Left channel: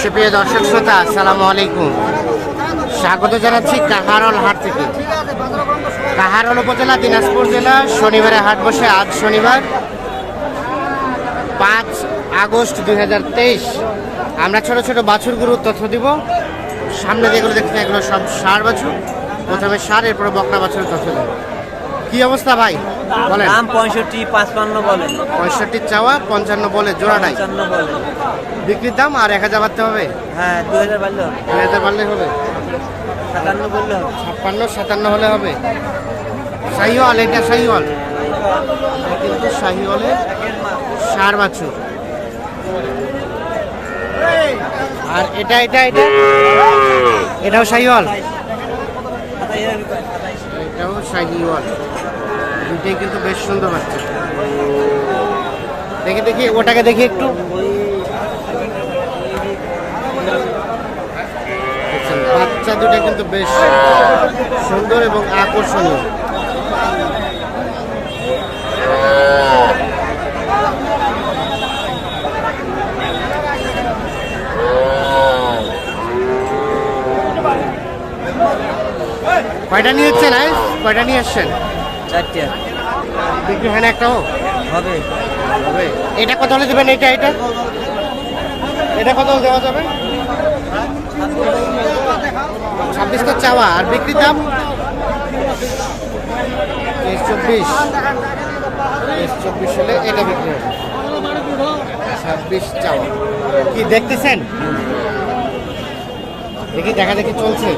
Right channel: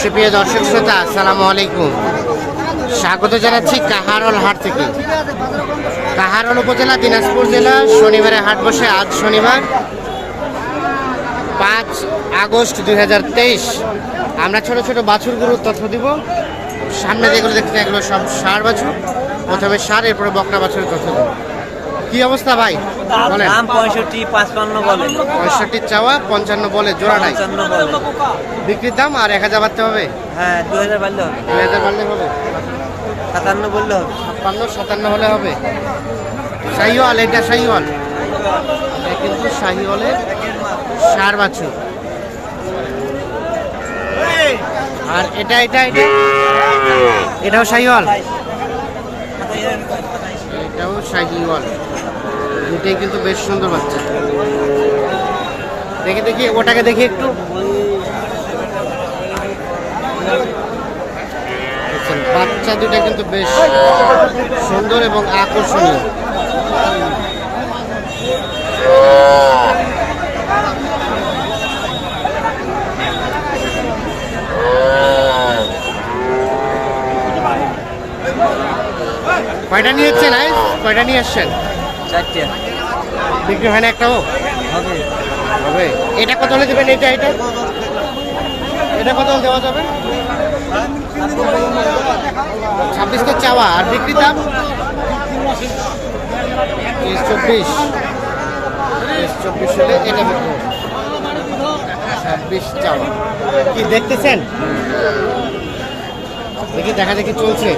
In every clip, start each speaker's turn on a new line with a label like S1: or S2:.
S1: সুপ্রিয় দর্শক শ্রোতা, আসসালামু আলাইকুম। স্বাগত জানাচ্ছি কাহারল হাট থেকে। কাহারল উপজেলা, দিনাজপুর জেলা, শনিবারে হাট বসে আজ শনিবার, পাঁচ আগস্ট দুই হাজার তেইশ। আমরা ছোট ছোট বাছুরগুলোর তথ্য দিব। সামনে যেগুলো দেখতে এগুলো সব সার বাছুর। প্রথমে সার, এরপরে বকরা বাছুরের তথ্য দিব। কী অবস্থা ভাই? বলেন।
S2: দাম পঁয়ষট্টি পাঁচপান্ন বলে।
S1: পঁয়ষট্টি চাওয়া পঞ্চান্ন বলে জোড়াটাই
S2: পঞ্চান্ন বলে।
S1: বিক্রির দাম আর এক হাজার বাড়তে হবে?
S2: হ্যাঁ দু হাজার বাড়লে হবে।
S1: দুই হাজার বাড়লে হবে?
S2: সাতান্ন বললে হবে।
S1: ছাপ্পান্ন সাতান্ন হলে হবে? শাহিওয়াল এটা শাহিওয়াল? এটা কিন্তু শাহিওয়ালের সার বাছুর। আর এটা এটা এটা? এটাও শাহিওয়াল। এটাও শাহিওয়াল। দুটাই কিন্তু বেশ সুন্দর বাচ্চা। দেখি দেখি, ওটাকে দেখি একটু। বাচ্চা দুটা কিন্তু বেশ সুন্দর এবং আকর্ষণীয়। কয়টা নিয়ে এসছেন আজ কয়টা নিয়ে এসছেন
S2: চারটে।
S1: বিক্রি হয় না একটাও?
S2: হবে।
S1: হবে। এটা কত হলে দেবেন এটা এটা এটা কত হলে দেওয়া যাবে? ছাব্বিশ তো চাওয়া আর বিক্রি দাম? চব্বিশ। চব্বিশ হলে এটা বিক্রি হবে। ছাব্বিশ চাওয়া। কি দেখতেছেন? দেখি দেখা দেখি চলছে।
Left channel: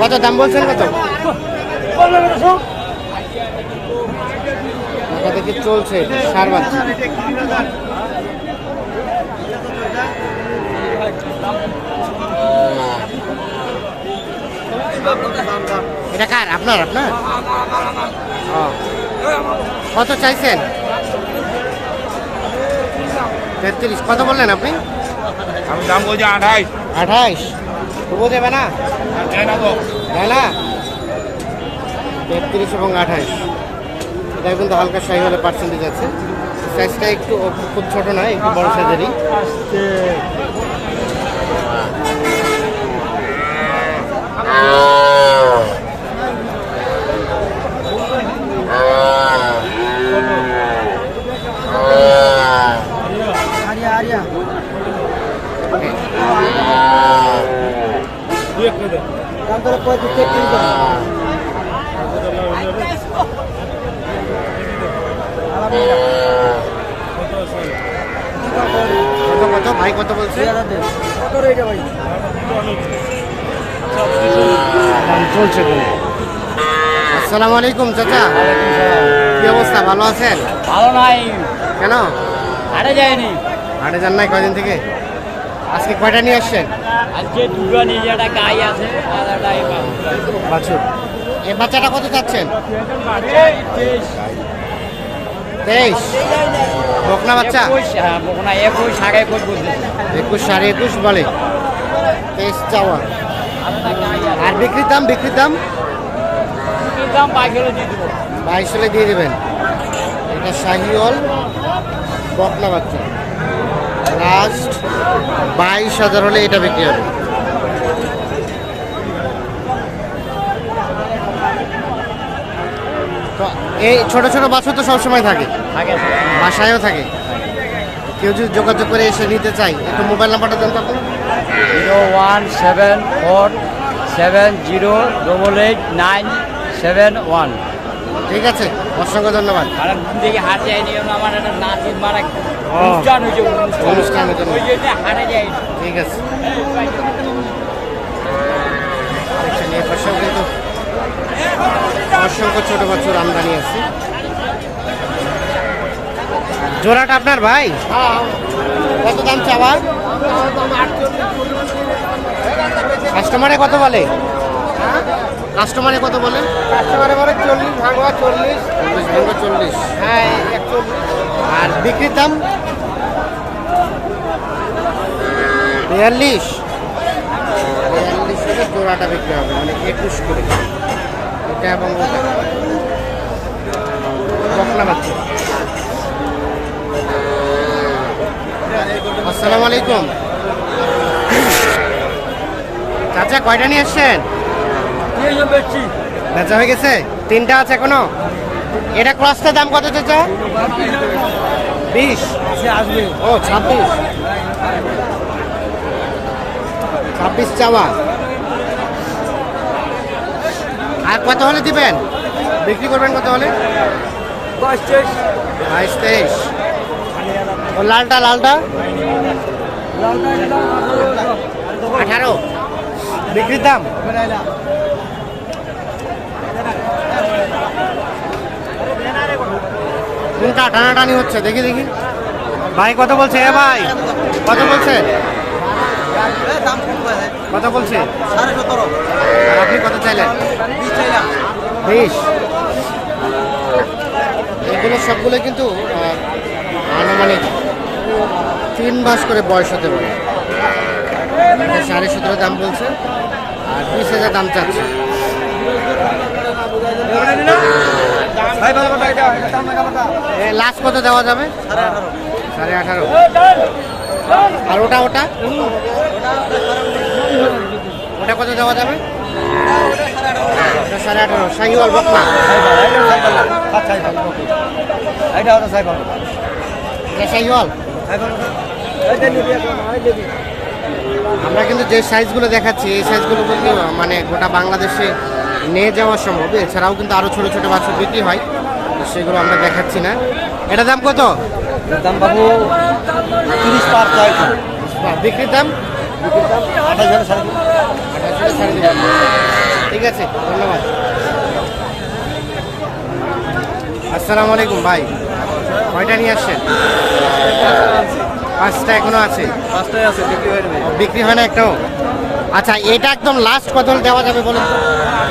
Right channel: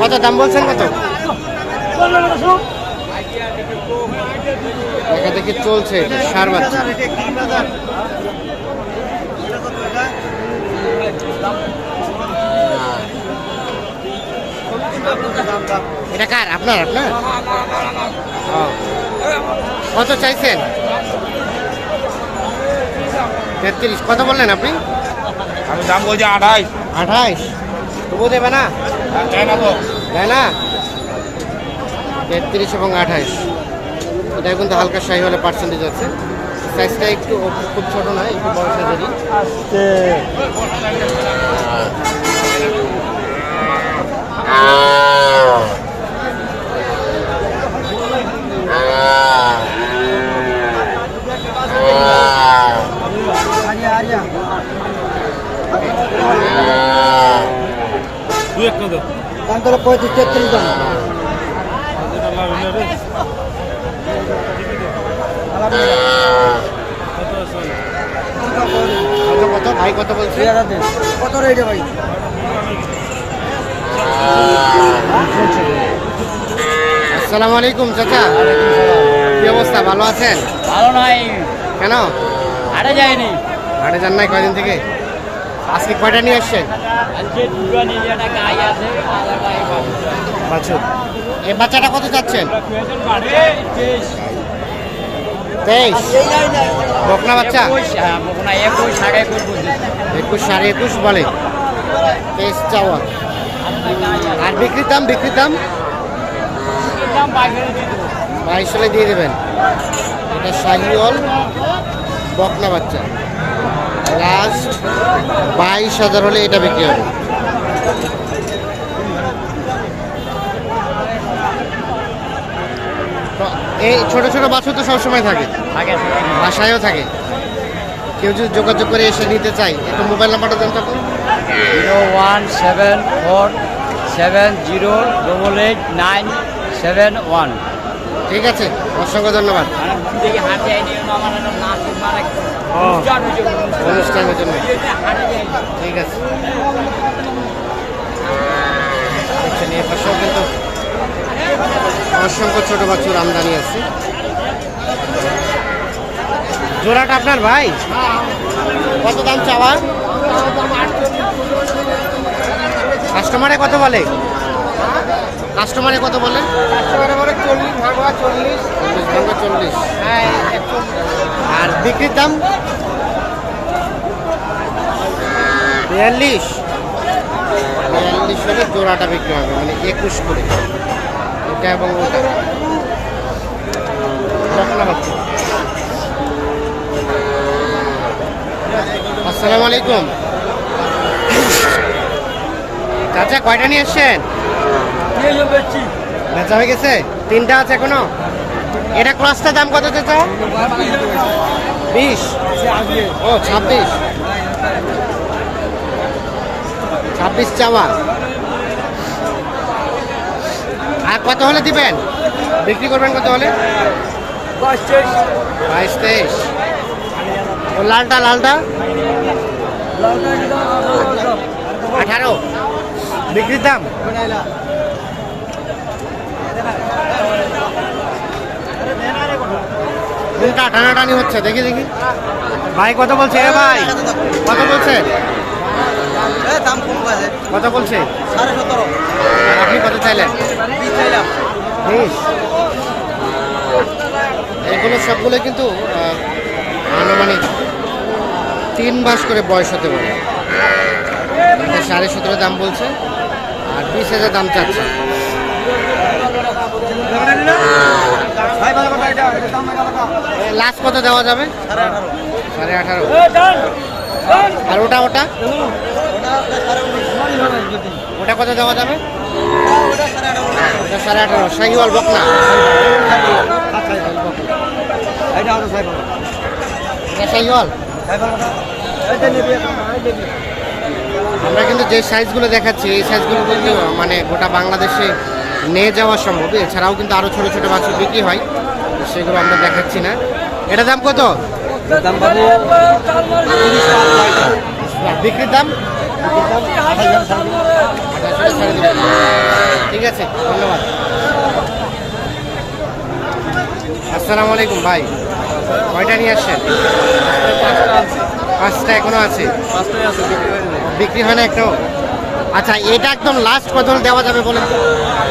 S1: কত দাম বলছেন কত? দেখা দেখি চলছে এটা, সার বাচ্চা। এটা কার? আপনার আপনার? কত চাইছেন? তেত্রিশ। কত বললেন আপনি?
S3: আমি দাম বলছি আঠাইশ।
S1: আঠাইশ। তবু দেবে না? তাই না তেত্রিশ এবং আঠাইশ। এটা কিন্তু হালকা শাহি হলে পার্সেন্টেজ আছে। সাইজটা একটু খুব ছোট নয় একটু বড় সাইজেরই
S2: পঁয়ত্রিশ তেত্রিশ দাম
S1: কত কত? ভাই কত বলছে?
S2: কত রেটে ভাই?
S1: আসসালামু আলাইকুম চাচা। কি অবস্থা? ভালো আছেন?
S2: ভালো নাই।
S1: কেন?
S2: হাটে যায়নি।
S1: হাটে যান নাই কয়দিন থেকে? আজকে কয়টা নিয়ে আসছেন? বাছুর। এই বাচ্চাটা কত চাচ্ছেন? তেইশ। বকনা বাচ্চা?
S2: বকনা একুশ সাড়ে একুশ
S1: একুশ সাড়ে একুশ বলে। তেইশ চাওয়া। আর বিক্রির দাম বিক্রির দাম? বাইশ হলে দিয়ে দেবেন। এটা শাহিওল বকনা বাচ্চা। লাস্ট। বাইশ হাজার হলে এটা বিক্রি হবে। তো এই ছোট ছোট বাছুর তো সবসময় থাকে।
S2: থাকে
S1: বাসায়ও থাকে। কেউ যদি যোগাযোগ করে এসে নিতে চাই একটু মোবাইল নাম্বারটা দেন তো
S2: zero one seven four seven zero double eight nine seven one.
S1: ঠিক আছে অসংখ্য ধন্যবাদ
S2: দেখি হাতে আইনি আমার একটা নাচের বার
S1: ও অনুষ্ঠানের জন্য। ঠিক আছে। দেখছেন এর পাশেও কিন্তু অসংখ্য ছোট বাচ্চুর আমদানি আছে। জোড়াটা আপনার ভাই? কত দাম চাওয়া কাস্টমারে কত বলে? কাস্টমারে কত বলে? চল্লিশ চল্লিশ। আর বিক্রির দাম? বিয়াল্লিশ। বিয়াল্লিশ হলে জোড়াটা বিক্রি হবে মানে একুশ করে। এটা এবং ওটা। বকনা বাচ্চা। আসসালামু আলাইকুম। চাচা কয়টা নিয়ে এসছেন বেচা হয়ে গেছে? তিনটা আছে এখনও? এটা ক্লাসটার দাম কত চাচা? বিশ। ও ছাব্বিশ। ছাব্বিশ চাওয়া। আর কত হলে দিবেন? বিক্রি করবেন কত হলে? বাইশ তেইশ। ও লালটা লালটা? আঠারো। বিক্রির দাম? কোনটা টানাটানি হচ্ছে দেখি দেখি। ভাই কত বলছে? এ ভাই। কত বলছে? কত বলছে? আর আপনি কত চাইলেন?
S2: বিশ
S1: এগুলো সবগুলো কিন্তু আনুমানিক তিন মাস করে বয়স হতে পারে। সাড়ে সতেরো দাম বলছে আর বিশ হাজার দাম চাচ্ছে। লাস্ট কত দেওয়া যাবে?
S2: সাড়ে আঠারো।
S1: আর ওটা ওটা? ওটা কত দেওয়া যাবে?
S2: সাড়ে আঠারো।
S1: সাইওয়াল বকনা।
S2: এটা
S1: আমরা কিন্তু যে সাইজগুলো দেখাচ্ছি, এই সাইজগুলো কিন্তু মানে গোটা বাংলাদেশে নিয়ে যাওয়া সম্ভব। এছাড়াও কিন্তু আরও ছোট ছোট বাছুর বিক্রি হয়। তো সেগুলো আমরা দেখাচ্ছি না। এটা দাম কত?
S2: দাম বাবু তিরিশ
S1: বিক্রির দাম? ঠিক আছে ধন্যবাদ। আসসালামু আলাইকুম ভাই। কয়টা নিয়ে আসছেন? পাঁচটা এখনও আছে?
S2: হয়ে
S1: বিক্রি হয় না একটাও? আচ্ছা এটা একদম লাস্ট কত হলে দেওয়া যাবে বলেন তো?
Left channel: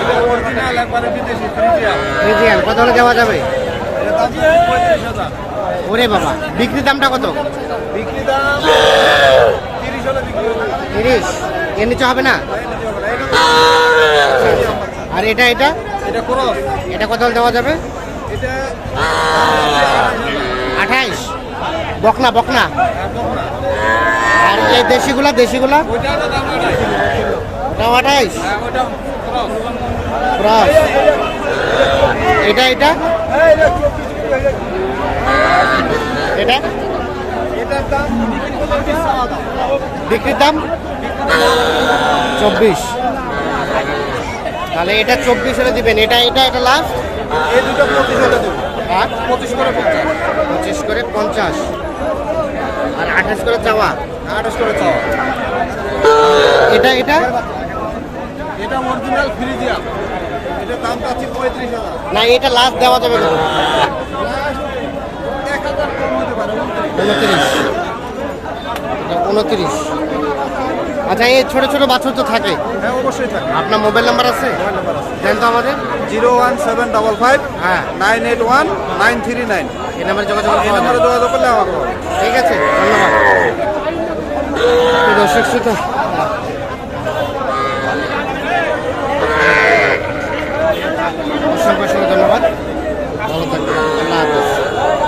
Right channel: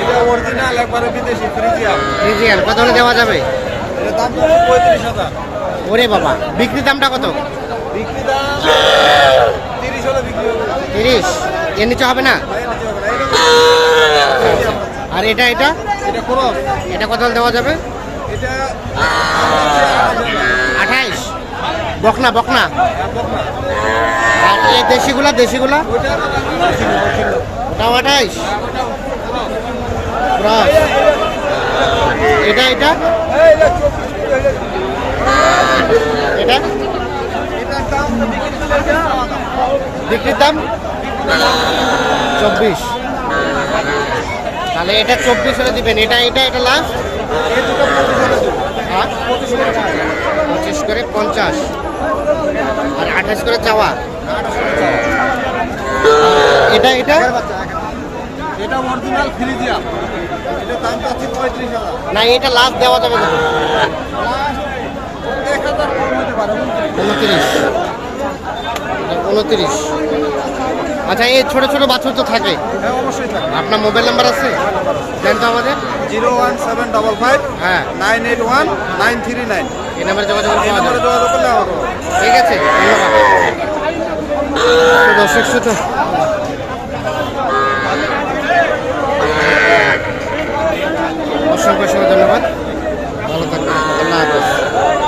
S2: এটা অরিজিনাল একবারে বিদেশি ফ্রিজিয়াম
S1: রিজিয়ান কত হলে দেওয়া যাবে? ওরে বাবা বিক্রির দামটা কত?
S2: তিরিশ
S1: এর নিচে হবে না?
S2: এটা
S1: আচ্ছা, আচ্ছা। আর এটা এটা?
S2: এটা
S1: কত দেওয়া যাবে? আঠাইশ বকনা বকনা?
S2: হ্যাঁ বকনা।
S1: আর এই দেশিগুলা দেশিগুলা? ওটাও আঠাইশ ক্রস এটা এটা?
S2: এটা?
S1: বিক্রির দাম? চব্বিশ। তাহলে এটা চব্বিশ হলে দিবেন। এটা এটা এটা
S2: দুটো পঁচিশ করে পঞ্চাশ।
S1: আর আঠাশ করে চাওয়া? এটা এটা?
S2: এটা অরিজিনাল ফ্রিজিয়াম এটা দাম পাচ্ছি পঁয়ত্রিশ হাজার।
S1: না এটা লাস্ট দেওয়া যাবে কত
S2: এক হাজার কম হতে পারে
S1: উনত্রিশ। উনত্রিশ। আচ্ছা এই ছোট ছোট বাছুর তো থাকে।
S2: হ্যাঁ অবশ্যই থাকে।
S1: আপনার মোবাইল নাম্বার আছে? দেন তো আমাদের।
S2: Zero one seven double five
S1: হ্যাঁ।
S2: Nine eight one nine three nine.
S1: এই নাম্বারে যোগাযোগ করে পাওয়া যাবে।
S2: যোগাযোগ করলে
S1: ঠিক আছে ধন্যবাদ। তো দর্শক শ্রোতা অসংখ্য অসংখ্য ধন্যবাদ। ভালো থাকবেন। আল্লাহ হাফেজ।